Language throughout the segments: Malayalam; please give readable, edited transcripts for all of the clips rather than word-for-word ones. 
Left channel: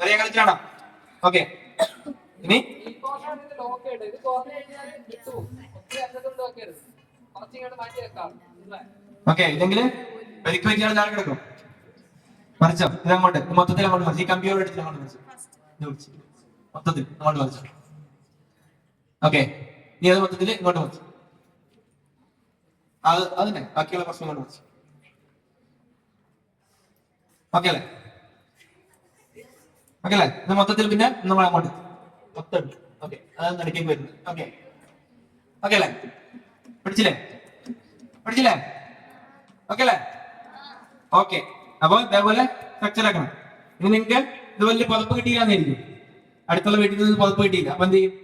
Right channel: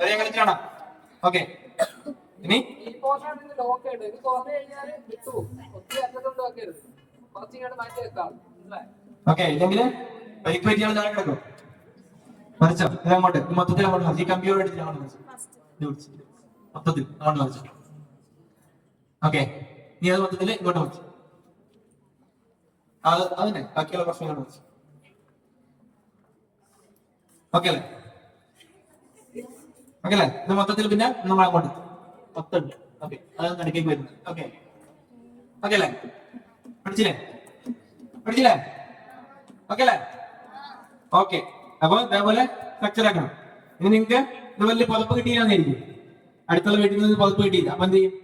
വരെ കളിച്ചാണോ? ഓക്കെ, ഇനി ഓക്കെ. ഇല്ലെങ്കിൽ പരിക്ക് പറ്റിയാൽ താഴെ കിടക്കും. മറിച്ചോ ഇത് അങ്ങോട്ട്, മൊത്തത്തിൽ അങ്ങോട്ട് മറിച്ചു. ഈ കമ്പ്യൂട്ടർ എടുത്തിട്ട് അങ്ങോട്ട് മറിച്ചു, മൊത്തത്തിൽ അങ്ങോട്ട് മറിച്ചു. ഓക്കെ, നീ അത് മൊത്തത്തിൽ ഇങ്ങോട്ട് മറിച്ചു. അതിനെ ബാക്കിയുള്ള പ്രശ്നം ഇങ്ങോട്ട് മറിച്ചു. ഓക്കെ അല്ലേ? ഓക്കെ അല്ലേ? ഇത് മൊത്തത്തിൽ പിന്നെ നമ്മൾ അങ്ങോട്ട് മൊത്തം. ഓക്കെ, അതൊന്ന് ഇടയ്ക്കേക്ക് വരുന്നു. ഓക്കെ, ഓക്കെ അല്ലേ? പിടിച്ചില്ലേ? പിടിച്ചില്ലേ? ഓക്കെ അല്ലേ? ഓക്കെ. അപ്പൊ ഇതേപോലെ സ്ട്രക്ചർ ആക്കണം. ഇനി നിങ്ങൾക്ക് ഇത് വലിയ പതിപ്പ് കിട്ടിയില്ലാന്നായിരിക്കും. അടുത്തുള്ള വീട്ടിൽ നിന്ന് പതിപ്പ് കിട്ടിയില്ല. അപ്പൊ എന്ത് ചെയ്യും?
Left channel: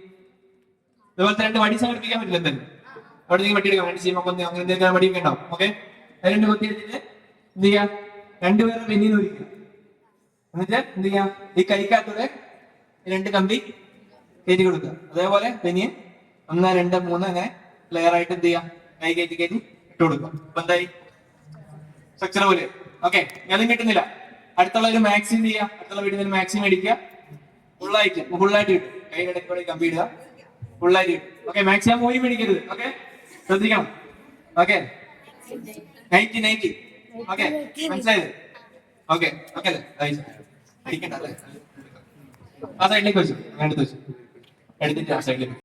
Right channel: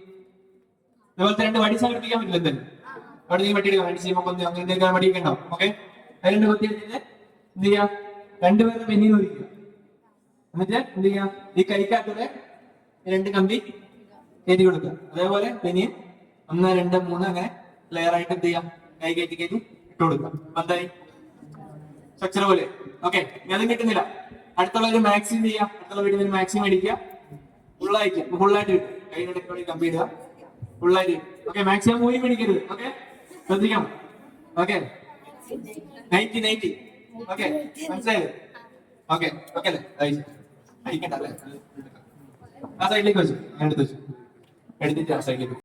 ഇതുപോലത്തെ 2 വടി സമർപ്പിക്കാൻ പറ്റില്ല. എന്തായാലും അവിടെ നിങ്ങൾ വെട്ടിയെടുക്കാം. വണ്ടി ചെയ്യുമ്പോൾ അങ്ങനെ എന്തെങ്കിലും വടിയൊക്കെ ഉണ്ടാവും. ഓക്കെ, 2 കുത്തി എടുത്തിട്ട് എന്ത് ചെയ്യാം? 2 പേരുടെ പെന്നിന്ന് ഒഴിക്കുക. എന്നിട്ട് എന്ത് ചെയ്യാം? ഈ കൈക്കകത്തൂടെ 2 കമ്പി കയറ്റി കൊടുക്കുക. അതേപോലെ പെനിയും 1, 2, 3 അങ്ങനെ ലെയർ ആയിട്ട് എന്ത് ചെയ്യാം? കൈ കയറ്റി ഇട്ട് കൊടുക്കുക. അപ്പൊ എന്തായി? സ്ട്രക്ചർ പോലെ. ഓക്കെ, അതും കിട്ടുന്നില്ല. അടുത്തുള്ള ഒരു മാക്സിമം ചെയ്യാം. അടുത്തുള്ള വീട്ടിൽ മാക്സിമം അടിക്കുക. ഫുള്ളായിട്ട് കിട്ടും. കൈയുടെ ഇടയ്ക്കൂടെ കമ്പി ഇടുക. ഫുള്ളായിട്ട് കിട്ടും. ഓക്കെ, മാക്സിമം മൂരി പിടിക്കരുത്. ഓക്കെ, ശ്രദ്ധിക്കണം. ഓക്കെ, 90. ഓക്കെ, മനസ്സിലായത്? ഓക്കെ, ഓക്കെ അല്ലേ? അടിക്കണ്ട അല്ലേ? ആ സൈഡിലേക്ക് വെച്ചു, എടുത്തിട്ട് ആ സൈഡിലേക്ക്.